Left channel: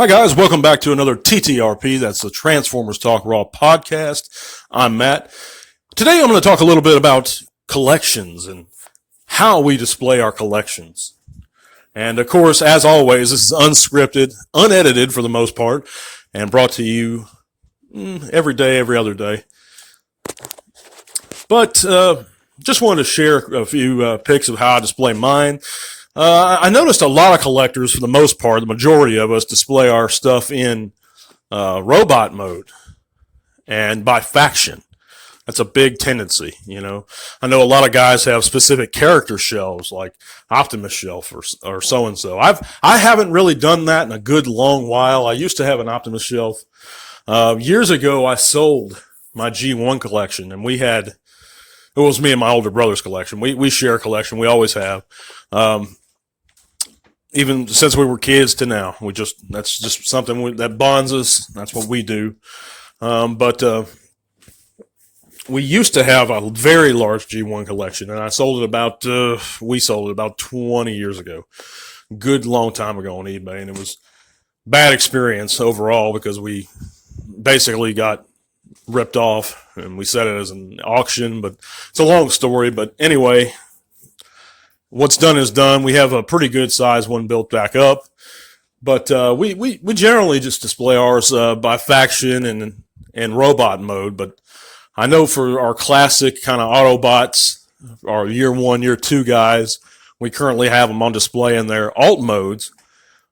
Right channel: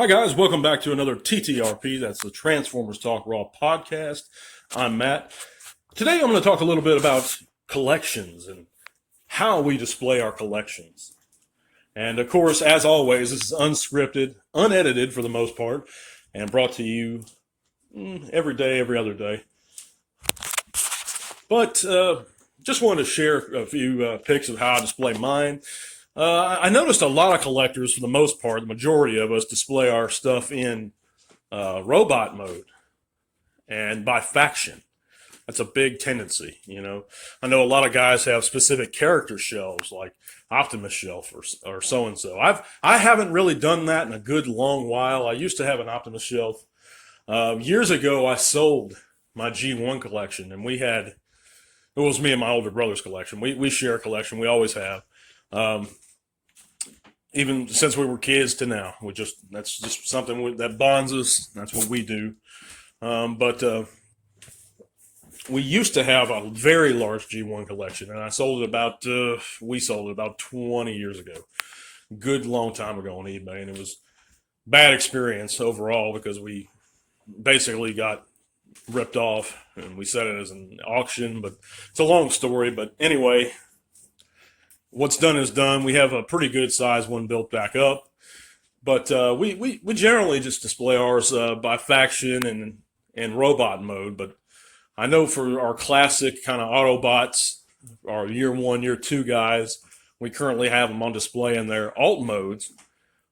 Hi, guys. Welcome back to another TTRP. That's the Transformers Talk Raw podcast. I'm Matt. Today, I'm going to talk a little bit about collections and how we display our collections. And, of course, as always, this is unscripted, unedited for the most part, and brought to you every day, every other day. But just wanted to share a few pics of how I display mine. I noticed a lot of collectors, for the most part, the majority of us, display our stuff in robot mode and by faction. That's a big tendency, you know. I know a lot of guys have specific character shelves, like Optimus shelf or so-and-so. I haven't really done that in a good long while. I used to have an Optimus shelf. Years ago, I sold my G1 collection, and it was me and my older brother's collection. We share a collection. We always have. Even since we were kids to now, that's just something that bonds us. That's what we do. But we used to have a very large G1 collection, and we sold it about 20 years ago. Good long time ago on eBay, and it was bad experience overall because we basically got ripped off, and we set it as an auction, but it's a long story. But anyway, what's done is done. We have a pretty good size one built back up, but we generally just display ours by faction and robot mode. But I know for our classic kind of Autobots, our year 1, year 2 guys, we currently have them on display in their alt modes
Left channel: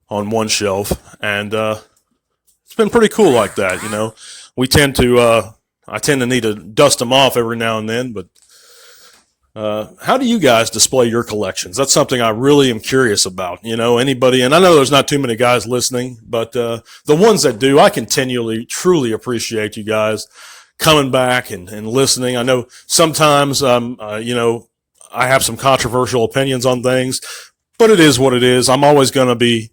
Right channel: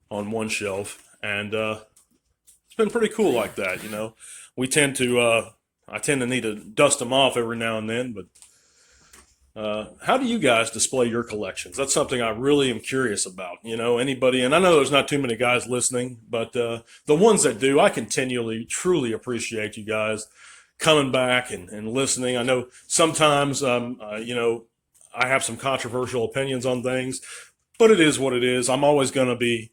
on one shelf, and it's been pretty cool like that. You know, I tend to need to dust them off every now and then, but how do you guys display your collections? That's something I really am curious about. You know, anybody, and I know there's not too many guys listening, but the ones that do, I continually, truly appreciate you guys coming back and listening. I know sometimes, you know, I have some controversial opinions on things, but it is what it is. I'm always going to be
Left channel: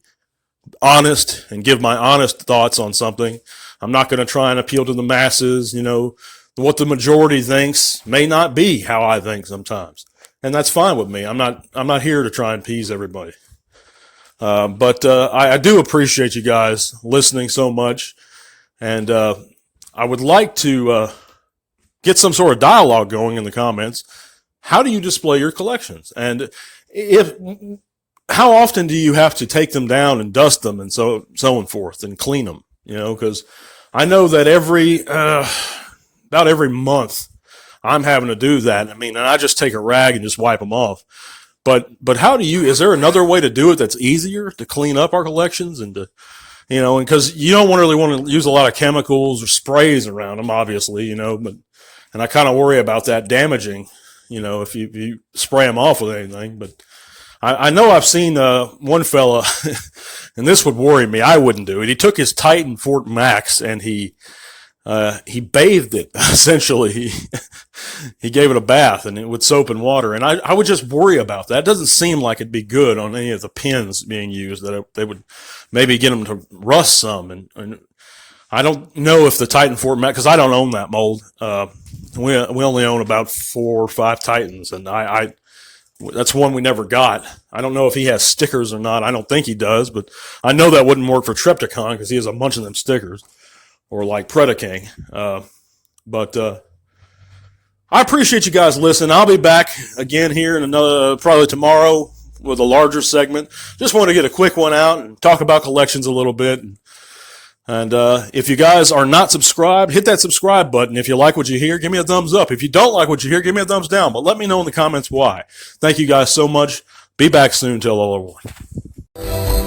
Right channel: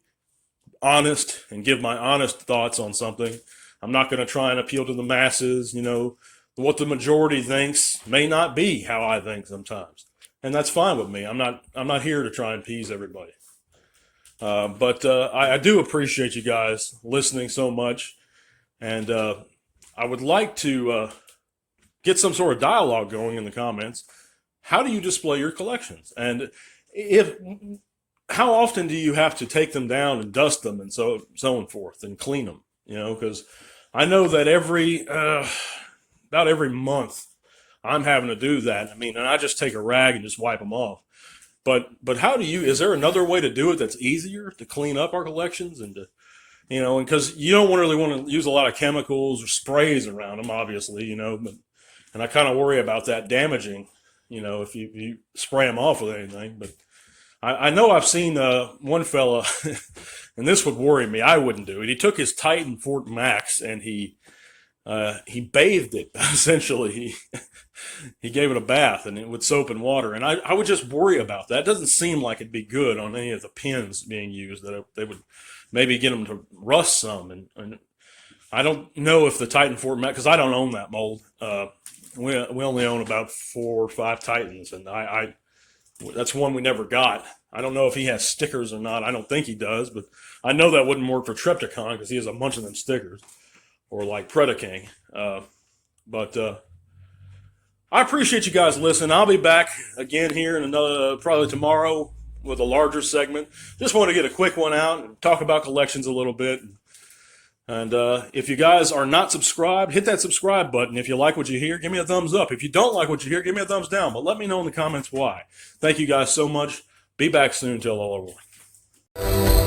honest and give my honest thoughts on something. I'm not going to try and appeal to the masses. You know, what the majority thinks may not be how I think sometimes, and that's fine with me. I'm not here to try and appease everybody. But I do appreciate you guys listening so much, and I would like to get some sort of dialogue going in the comments. How do you display your collections, and how often do you have to take them down and dust them and so on forth and clean them? You know, because I know that about every month I'm having to do that. I mean, and I just take a rag and just wipe them off. But is there another way to do it that's easier to clean up our collections and to, you know, and because you don't really want to use a lot of chemicals or sprays around them, obviously, you know, and I kind of worry about that damaging, you know, if you spray them off with anything. But I know I've seen one fella, and this would worry me. I wouldn't do it. He took his Titan Fort Max and he bathed it, essentially. He gave it a bath with soap and water. And I would just worry about that. It doesn't seem like it'd be good on any of the pins being used, that they would maybe get them to rust some. And I don't know if the Titan Fort Max, because I don't own that mold. We only own about 4 or 5 Titans, and that's one we never got. I don't know if he has stickers or not. I don't think he does, but I know that wouldn't work for Trypticon because he has a bunch of them stickers. Or like Predaking. But I appreciate you guys listening. I'll be back again here in another, probably tomorrow, with a larger segment. Just want to get a quick one out and talk about collections a little bit. And if you guys are not subscribed, hit that subscribe button. If you like what you hear, give me a thumbs up. If you don't like what you hear, give me a thumbs down. But let me know in the comments why. Thank you guys so much. Be back soon. Tell all everyone.